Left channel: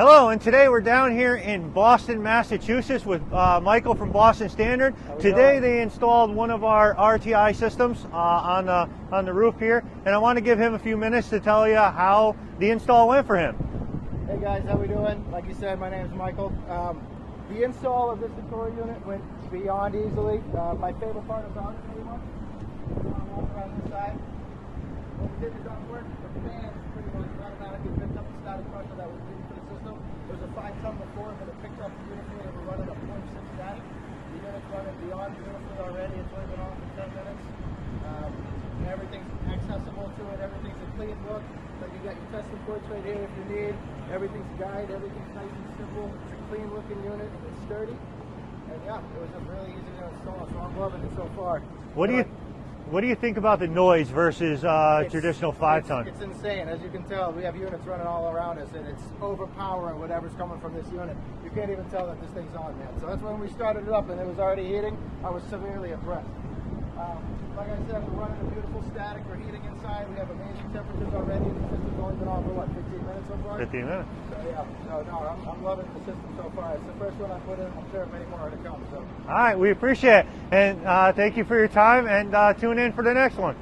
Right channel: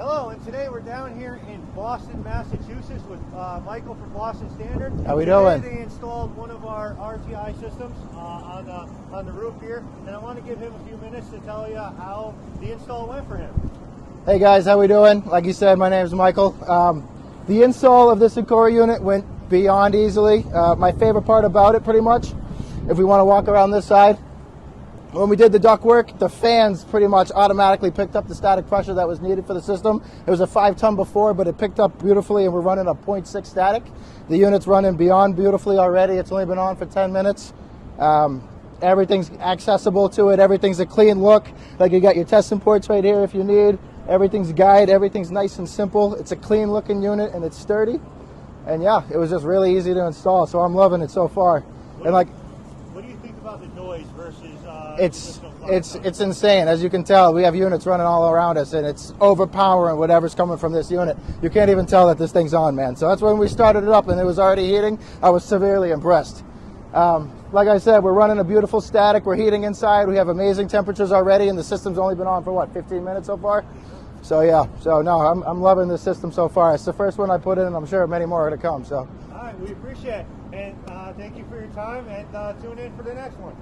Hello, and today we're down here in Boston, Massachusetts with Michael from Boston Standard. How we Today doing? they installed one of our RTI systems on the roof here, and I want to give him a few minutes to tell you how the install went for him. Hey guys, how we doing? Like you said, my name is Michael. The install of this Encore unit went beyond easily. My favorite part about it, pretty much, if we want to walk around this side, when we did the ductwork, the fans pretty much automatically picked up the static pressure that was needed for the system. It was a 5-ton before, but it picked up beautifully, and we're running a 0.6 static. The unit's running beyond beautifully already. It's only been on for 10 minutes. Everything's accessible to it. Everything's a clean look. Like, you got your testing ports right here if you need. Everything's guide. Everything's nice and simple. It's a clean looking unit, and it's sturdy. And yeah, it was just really easy to install, so I'm loving it so far. What do you think about the noise versus traditional 5-ton? It's insane. As you can tell, we have units running all around us, and it's overpowering whatever's coming from this unit. You can't even tell that this thing's on, man. So that's when we started it up and it was already heating. I was severely impressed. Like I said, we're running a beautiful static. We're heating inside. We have amazing temperatures already, and the system's only been on for, what, 15 minutes so far? 15 minutes. So yeah, no, I'm loving this system so far. It's the first one I put in, and I'm sure many more are to come. So. All right, we appreciate it. And thank you for your time, and tune in for the next one.